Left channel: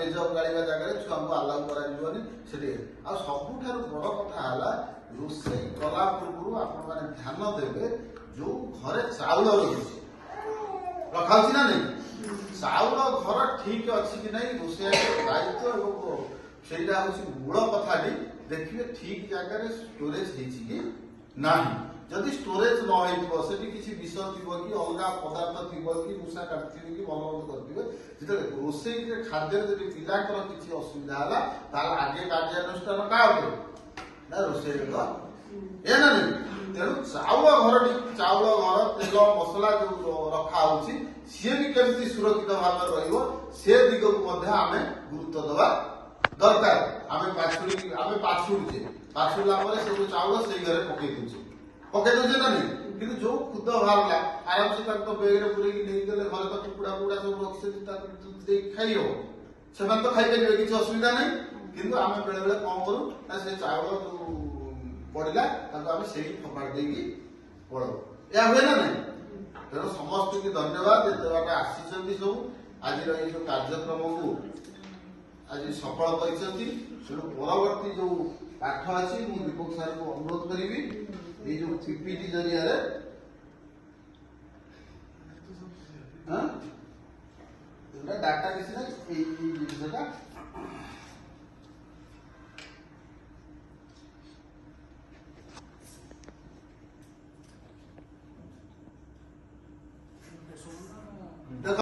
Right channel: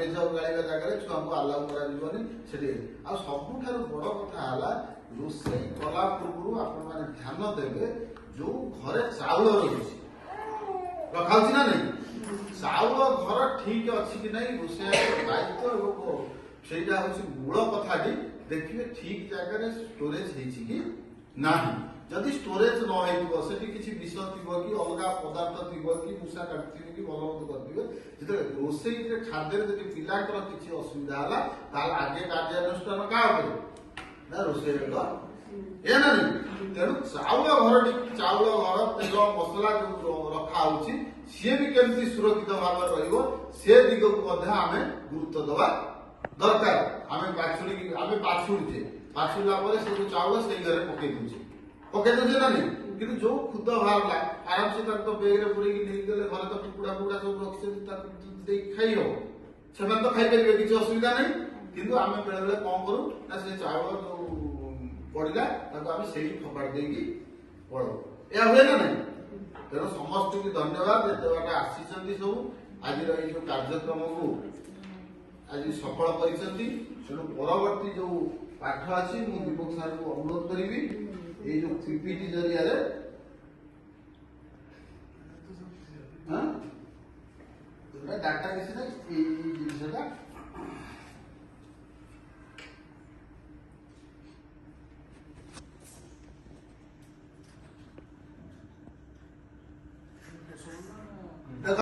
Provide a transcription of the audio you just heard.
page up गाड़ी जगह छुआ को आलाउ कर सबुठ बड़ कथा रोषे कला पूर्व आप ध्यान देवे जो घरे चाउल रही रखा ना नहीं चाउल घर ठीक अच्छी कि नहीं रोषे दायित्व से मूल कथा देखिए ठीक जगह स्टोरेज कि ना जदि स्टोरेज न से किसी विष थी कि अलग पदार्थ थी कि मूषा काटि कि भल मन्द करेंगे जो रोषे खाद्य पिलांर किसी असुविधा है आगे कार्यानुष्ठान क्या ना रोषे ए ना नहीं तेणु चाउल घर चाउल घर तेल मसला जो रखा सी भी केमती सुरक्षित भाव रे दिग को आम गुरुत्व दवा दरकार आम पाछुड़े पाछुड़ा से जो चाउल से घरे पकई दे ना नहीं कि जो खुद बाहर आराम से बेगे पूरे नहीं गले घर तो कुकुड़ा फुकुड़ा सब रखते खाई हम से तो खाई पारे किसी असुविधा नहीं किंतु आम बेले बेले कौन करूँ ना से चाउल जो पड़ा आम से फपाड़ दे पड़ो या हुए ना नहीं तेणु समस्त की धन्यवाद जिते बाटे आसी सब आज कार्यक्रम को आज सफल कर परवर्ती जो पाठ अच्छी मुझे दीपक सार को अनुरोध करी ये जो पीपीटी जरिया डाटा किसी ना जिनसा